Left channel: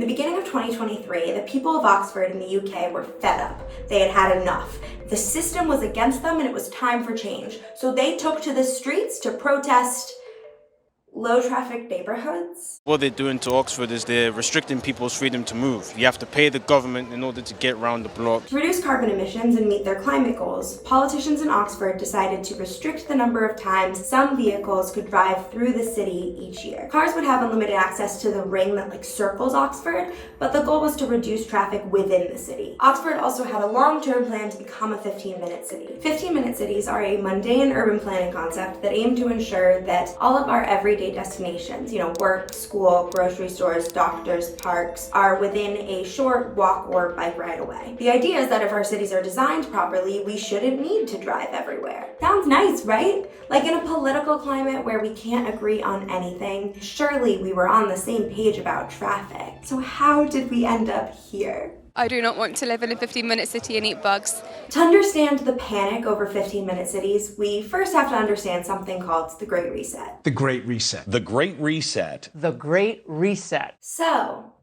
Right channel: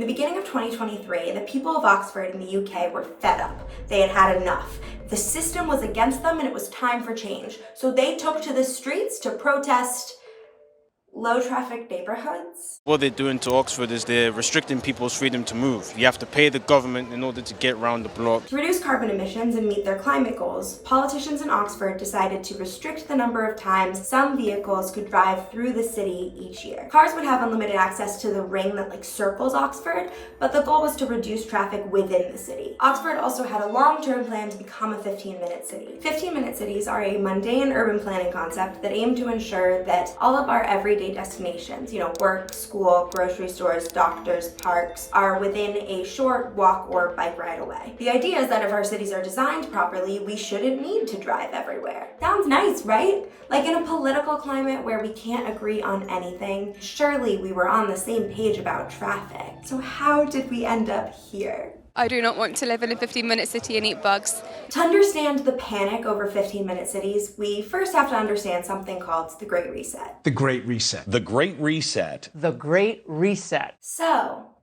In the beginning of 2023, the people of Oxford in the UK were fed up. They had had enough. The system was against them and it was time for change. So they took to the streets to protest low traffic neighborhoods. What they're doing to Oxford is they're restricting people's freedom to move. You have to pay the government in order to get around the block. To reduce carbon emissions and meet their climate goals, politicians in Oxford decided to restrict the number of times some vehicles could drive through the city each year. Cars would have unlimited access to the ring that circles Oxford, but the goal was to reduce traffic within the city. Oxford also had a long-term plan to become a 15-minute city. 15-minute cities are a mundane urban planning concept that aim to ensure that all of our everyday destinations, work, school, grocery stores, doctors, parks, are within a short walk or bike ride away. The idea is that if our cities are designed properly, we shouldn't need to drive everywhere. Sounds nice, right? Like in a political climate where we can't agree on anything, surely we were on the same page about traffic. So how did we end up here? I do not want to live in a 15-minute city and eat bugs. To understand the panic over 15-minute cities, we first have to understand something called the Great Reset. The Great Reset. The Great Reset. The Great Reset. So,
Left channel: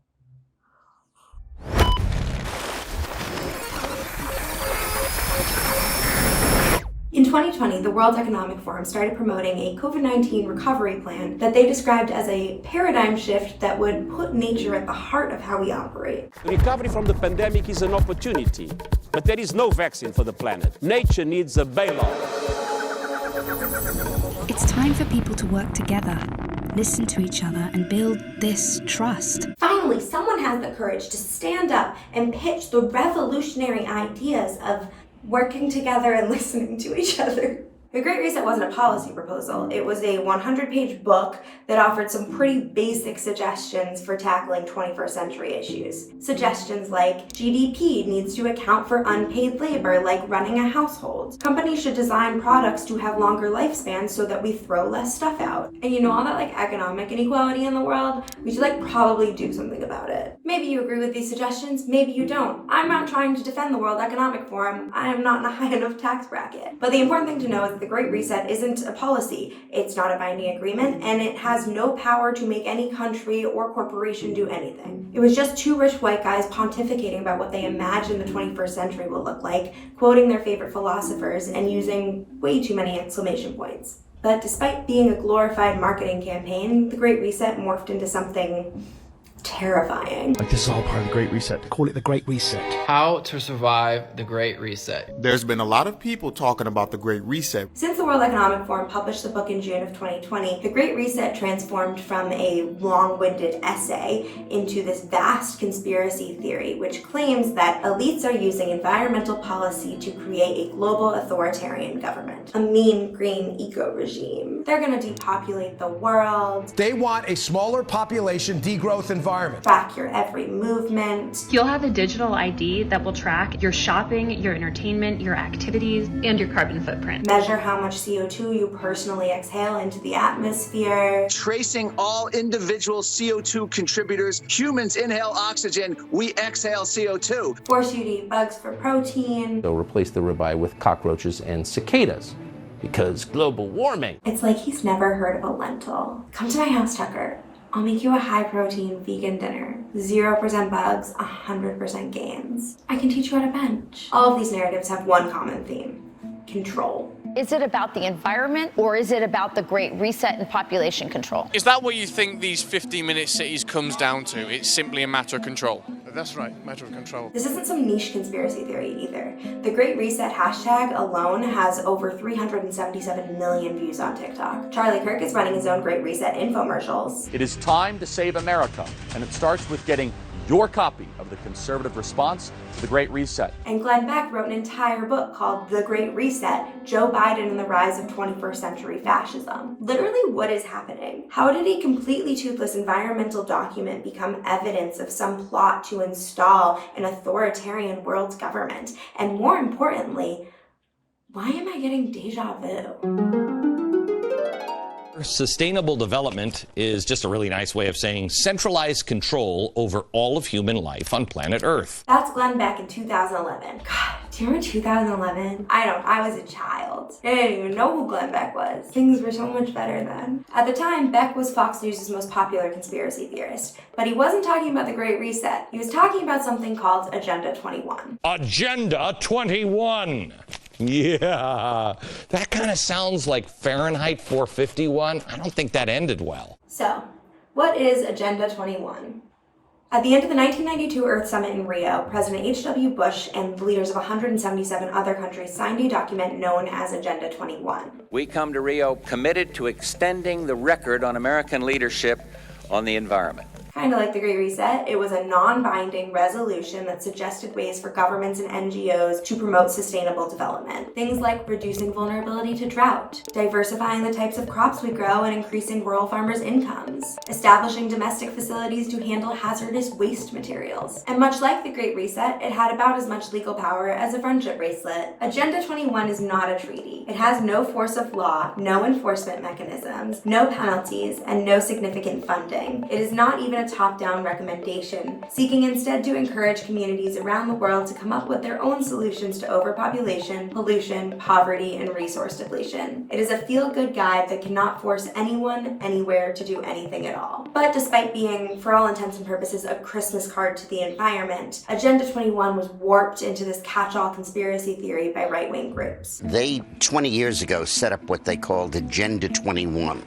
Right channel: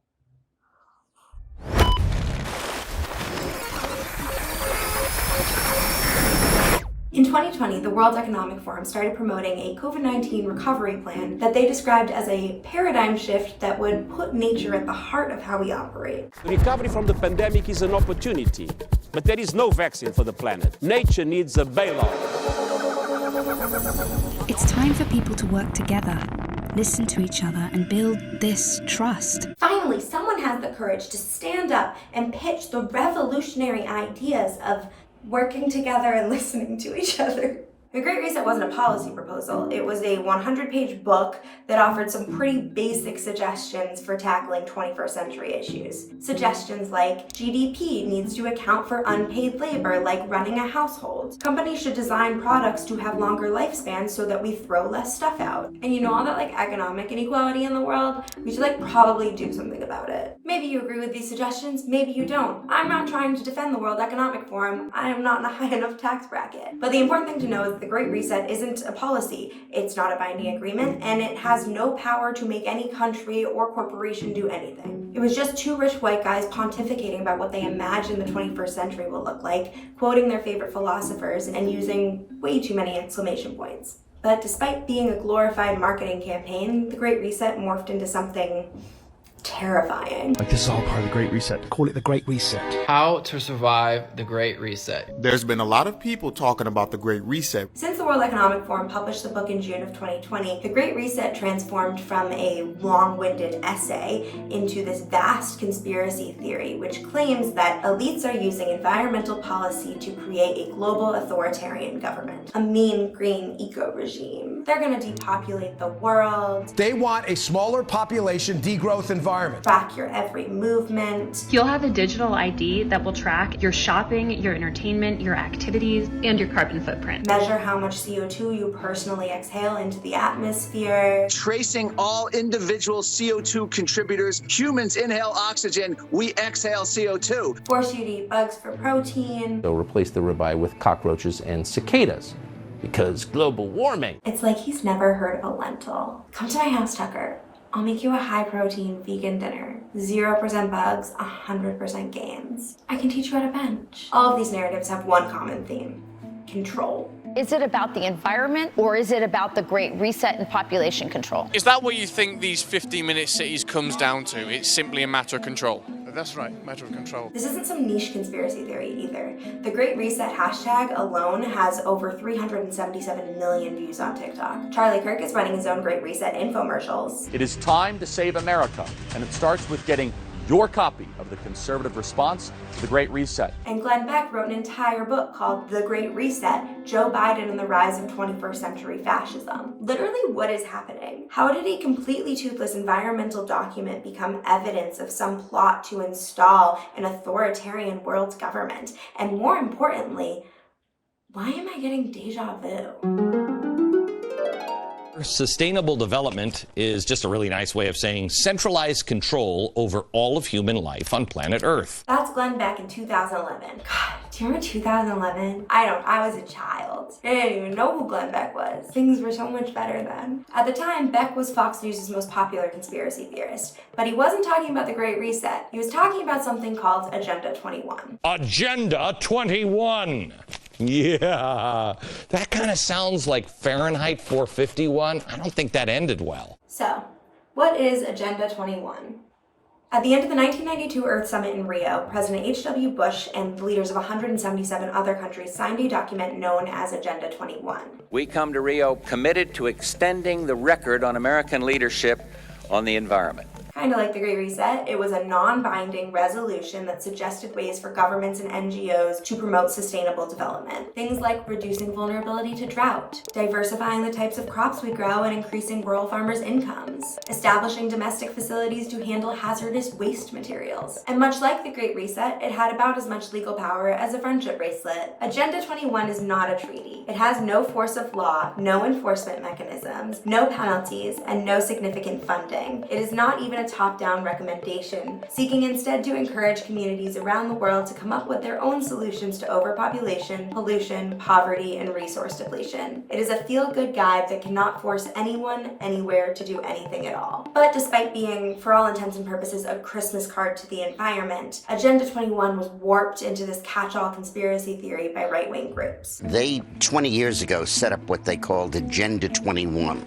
in 2020, the World Economic Forum started promoting a COVID-19 recovery plan that they described as a paradigm shift that would put nature at the heart of how we operate. Recovery from the pandemic is an opportunity, but there is no vaccine for the planet. Nature needs a bailout. It's time for people to work together, listen to each other, and build this trust. Finally, someone has the courage to stand up and pitch the revolutionary ideas of working together and listening to each other. The Great Reset wasn't a policy proposal. It was a 100-page book that offered some pretty basic suggestions for tackling 21st century issues. Suggestions like GDP needs to account for unpaid labor, like running a household. Companies should design products to have longer lifespans so that we throw less stuff out. And all that economic inequality in the world, we should probably do something about it. Maybe you agree with these suggestions, maybe you don't. I'm not trying to defend the World Economic Forum. I am not in a high enough tax bracket. But the important thing to know is that the Great Reset isn't a policy, it's not a binding agreement, and it has no power to make any country or corporation do anything. It was just two rich white guys pontificating about what they imagine the 21st century will look like, quoting their favorite philosophers, and using way too many exclamation points. But despite being a glorified marketing campaign, the Great Reset morphed into something terrifying. This is all part of the Great Reset. Call it the Great Reset. How to survive the Great Reset. There's been a lot of people talking about the Great Reset. Since the World Economic Forum published the book in June of 2020, the Great Reset transformed from a long-winded essay into this vast conspiracy theory, which claims that elites are using environmental policy to create a global authoritarian government, a mean green eco-regime. They're going to depopulate the world. They want a smaller population degrowth environment. Track your every movement. You'll have a digital ID that will track your shopping, your entertainment, your activities, and your carbon footprint. Measure how much CO2 you personally exhale into the atmosphere. Tracing all individual CO2 contributors. Humans inhale oxygen, we exhale CO2. Force you to eat bugs for protein. They'll replace the ribeye with cockroaches and cicadas, because global warming. It's like he's never heard of a lentil. Come to my house, Tucker. I'll make you a high-protein vegan dinner. 0% bugs, 100% gains. I can teach you how to bench. All of these narratives have one common theme: control. Is it about the environment, or is it about the Great Reset and population control? Is that what you think these 15-minute cities comes down to? It's simply a matter of control? That's right, matter of control. This isn't some niche conspiracy theory either. The Great Reset hashtag alone has over 377 million views on TikTok. Charlie Kirk is running his own Great Reset infomercials. It is time to save America, and it starts with getting your copy of the conservative response to the Great Reset. And Glenn Beck wrote an entire book called The Great Reset, Joe Biden and the Rise of 21st Century Fascism. Literally, what is happening? How did a completely toothless environmental document become evidence of some plot to install an authoritarian world government? And more importantly, why am I getting deja vu? Sustainable development is just a really nice way of saying centralized control over all of human life on planet Earth. That's Glenn Beck in 2011. God, Do you remember 2011? I was a child. I didn't even know who Glenn Beck was. Things were so much better then. At the time, Beck was Fox News' most popular conspiracy theorist, but he wasn't talking about the Great Reset. He was talking about something called Agenda 21. Agenda 21! Yeah, that kind of sounds like Fahrenheit 451. I don't think that ended well. So, what is Agenda 21? At the end of the 1992 Earth Summit in Rio, President H.W. Bush and the leaders of 177 other countries signed a document known as Agenda 21. We come to Rio committed to extending the record on American leadership on the environment. Kind of like the Great Reset, it was a non-binding resolution that suggested ways for governments and NGOs to promote sustainable development. Things like reducing vulnerability to drought, diversifying the types of crops we grow and increasing rural farmers' incomes, establishing domestic facilities to handle hazardous waste materials. And much like the Great Reset, it had about as much legal power as a friendship bracelet. Agenda 21 is not a treaty. It has no force of law, no enforcement mechanisms, no penalties, and no significant funding. It is not even a top-down recommendation, seeking instead to encourage communities around the world to come up with their own solutions to overpopulation, pollution, poverty, and resource depletion. It is a feel-good guide that cannot force anyone, anywhere to do anything at all. But despite being, for all intents and purposes, a Christmas card to the environment, Agenda 21 was warped into this catch-all conspiracy theory by right-wing groups. They, 20 years ago, set up what they called Agenda 21,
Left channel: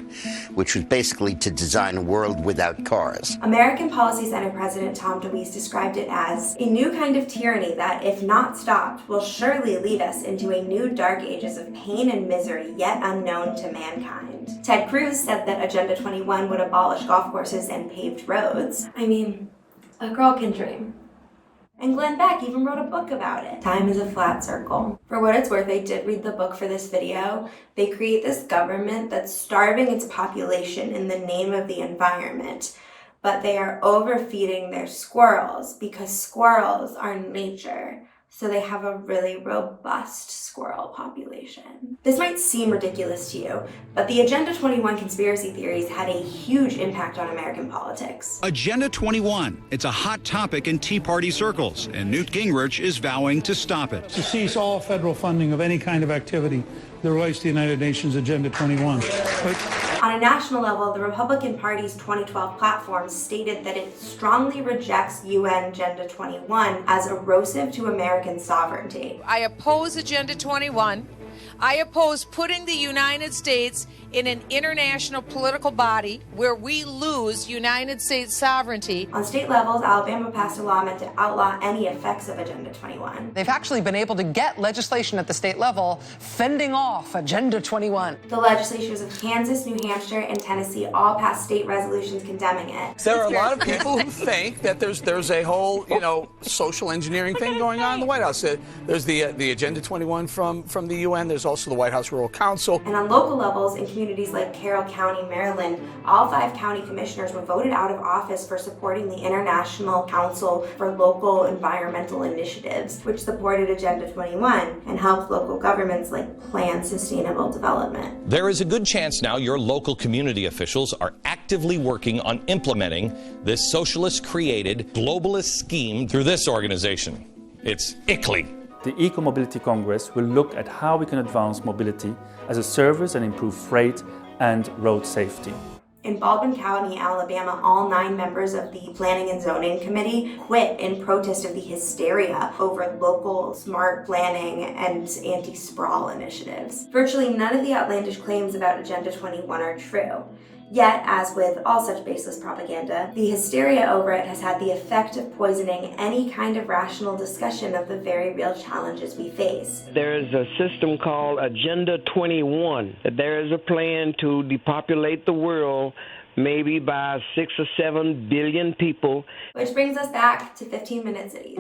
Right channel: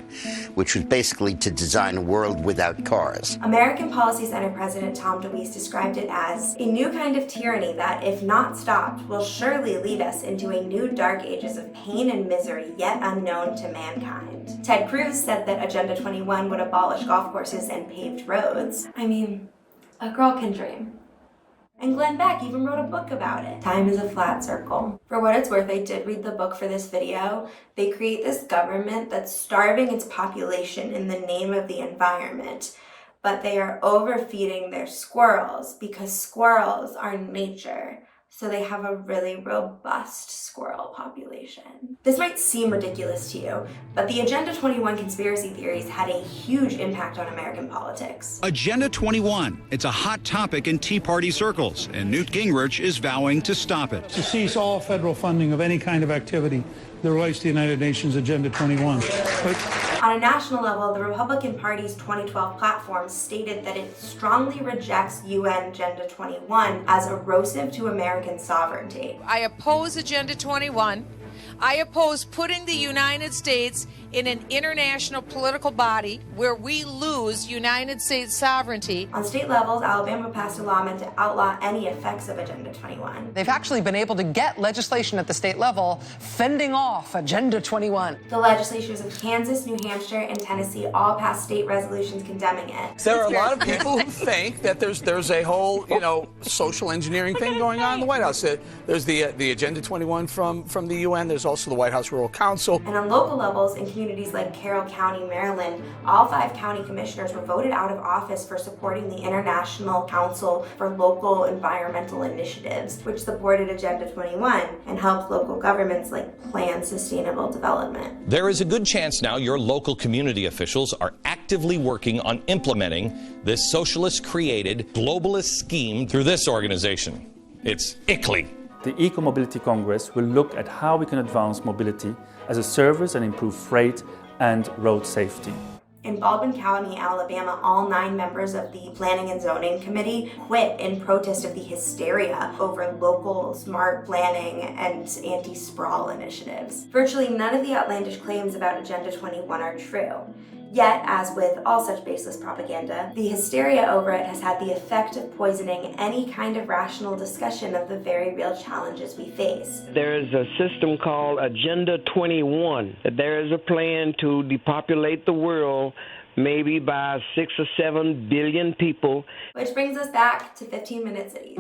which was basically to design a world without cars. American Policy Center President Tom DeWeese described it as a new kind of tyranny that, if not stopped, will surely lead us into a new dark ages of pain and misery yet unknown to mankind. Ted Cruz said that Agenda 21 would abolish golf courses and paved roads. I mean, a girl can dream. And Glenn Beck even wrote a book about it. Time is a flat circle. For what it's worth, I did read the book for this video. They create this government that's starving its population in the name of the environment, but they are overfeeding their squirrels because squirrels are nature. So they have a really robust squirrel population. This might seem ridiculous to you, but the Agenda 21 conspiracy theories had a huge impact on American politics. Agenda 21. It's a hot topic in Tea Party circles, and Newt Gingrich is vowing to stop it. To cease all federal funding of any kind of activity that relates to the United Nations Agenda 21. On a national level, the Republican Party's 2012 platform stated that it strongly rejects UN Agenda 21 as erosive to American sovereignty. I oppose Agenda 21. I oppose putting the United States in an international political body where we lose United States sovereignty. On state levels, Alabama passed a law meant to outlaw any effects of Agenda 21. They've actually been able to get legislation at the state level fending off Agenda 21. The legislatures of Kansas, New Hampshire, and Tennessee all passed state resolutions condemning it. There are a lot of people who think that there's a whole, social engineering thing going on in the White House. There's the Agenda 21 from the UN. There's also the White House Rural Council. And on local levels, in communities like Carroll County, Maryland, all 5 county commissioners were voted out of office for supporting the International Council for Local Environmental Initiatives, which supported Agenda 21 and helped local governments plan sustainable development. There is a good chance now your local community officials are actively working on implementing this socialist-created globalist scheme through this organization. It's ICLEI. The Eco-Mobility Congress will look at how we can advance mobility as a service and improve freight and road safety. In Baldwin County, Alabama, all 9 members of the Planning and Zoning Committee quit in protest of the hysteria over local smart planning and anti-sprawl initiatives. Virtually none of the outlandish claims about Agenda 21 are true. Yet, as with all such baseless propaganda, the hysteria over it has had the effect of poisoning any kind of rational discussion of the very real challenges we face. There is a system called Agenda 21. There is a plan to depopulate the world maybe by 6 or 7 billion people. Which brings us back to 15-minute cities.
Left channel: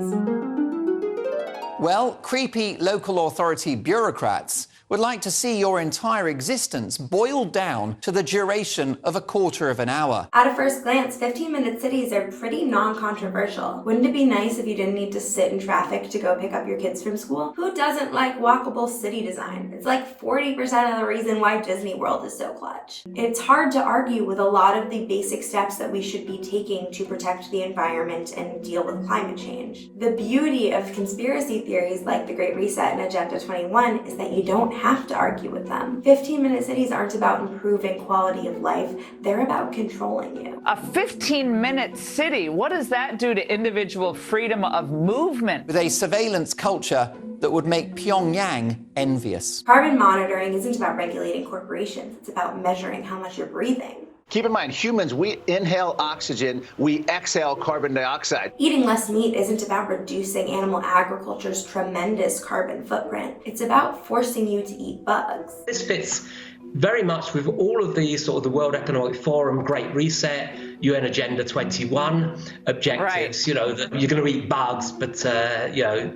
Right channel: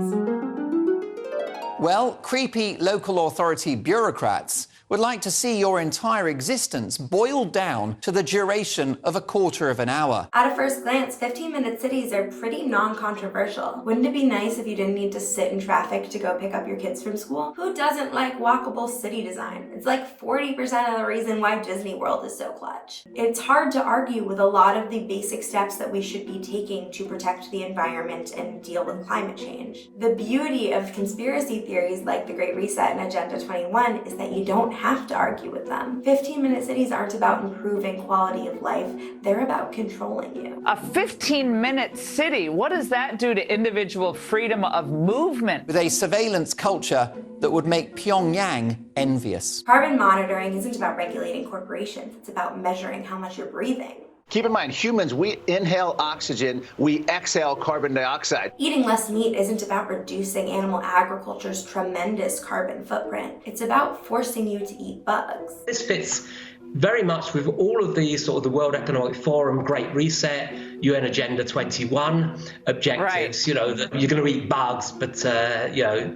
Well, creepy local authority bureaucrats would like to see your entire existence boiled down to the duration of a quarter of an hour. At a first glance, 15-minute cities are pretty non-controversial. Wouldn't it be nice if you didn't need to sit in traffic to go pick up your kids from school? Who doesn't like walkable city design? It's like 40% of the reason why Disney World is so clutch. It's hard to argue with a lot of the basic steps that we should be taking to protect the environment and deal with climate change. The beauty of conspiracy theories like the Great Reset and Agenda 21 is that you don't have to argue with them. 15-minute cities aren't about improving quality of life, they're about controlling you. A 15-minute city, what does that do to individual freedom of movement? With a surveillance culture that would make Pyongyang envious. Carbon monitoring isn't about regulating corporations, it's about measuring how much you're breathing. Keep in mind, humans, we inhale oxygen, we exhale carbon dioxide. Eating less meat isn't about reducing animal agriculture's tremendous carbon footprint. It's about forcing you to eat bugs. This fits very much with all of these sort of the World Economic Forum, Great Reset, UN Agenda 21 objectives. Right. You know, that you're going to eat bugs, but you're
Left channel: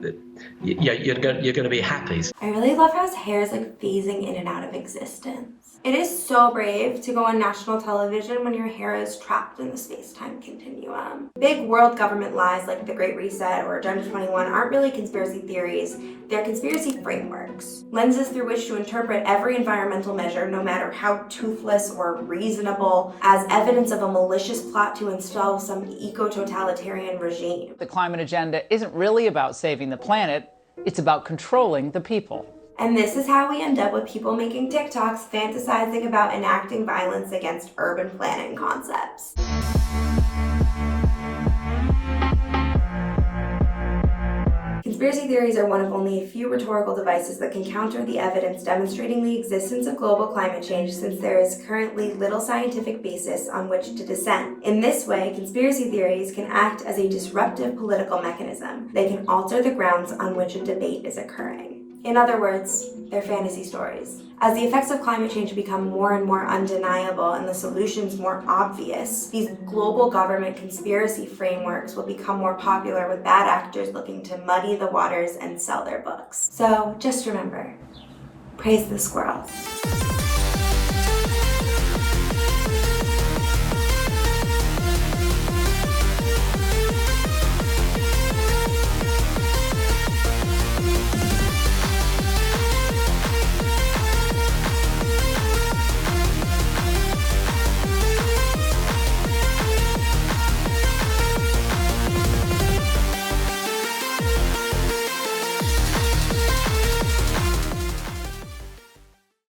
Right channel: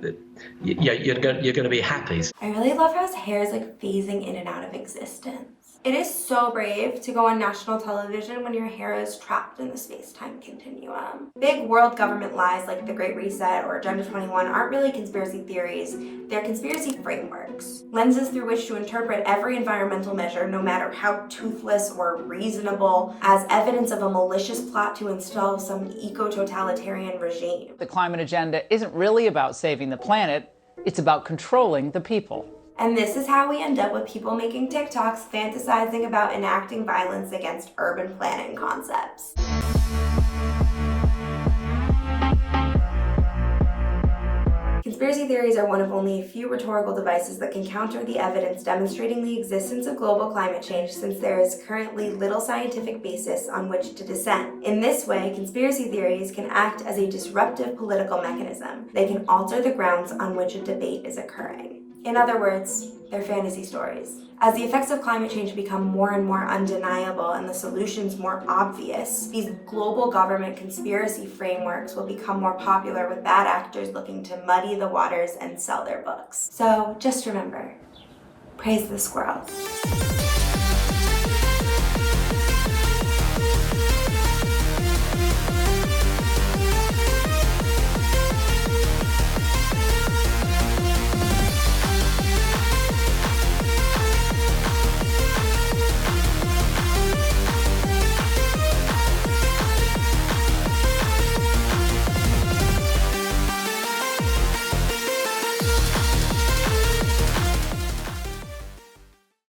going to be happy. I really love how his hair is like phasing in and out of existence. It is so brave to go on national television when your hair is trapped in the space-time continuum. Big world government lies like the Great Reset or Agenda 21 aren't really conspiracy theories, they're conspiracy frameworks. Lenses through which to interpret every environmental measure, no matter how toothless or reasonable, as evidence of a malicious plot to install some eco-totalitarian regime. The climate agenda isn't really about saving the planet, it's about controlling the people. And this is how we end up with people making TikToks fantasizing about enacting violence against urban planning concepts. Conspiracy theories are one of only a few rhetorical devices that can counter the evidence demonstrating the existence of global climate change, since there is currently little scientific basis on which to dissent. In this way, conspiracy theories can act as a disruptive political mechanism. They can alter the grounds on which a debate is occurring. In other words, they're fantasy stories. As the effects of climate change become more and more undeniable and the solutions more obvious, these global government conspiracy frameworks will become more popular, with bad actors looking to muddy the waters and sell their books. So just remember, praise the squirrels.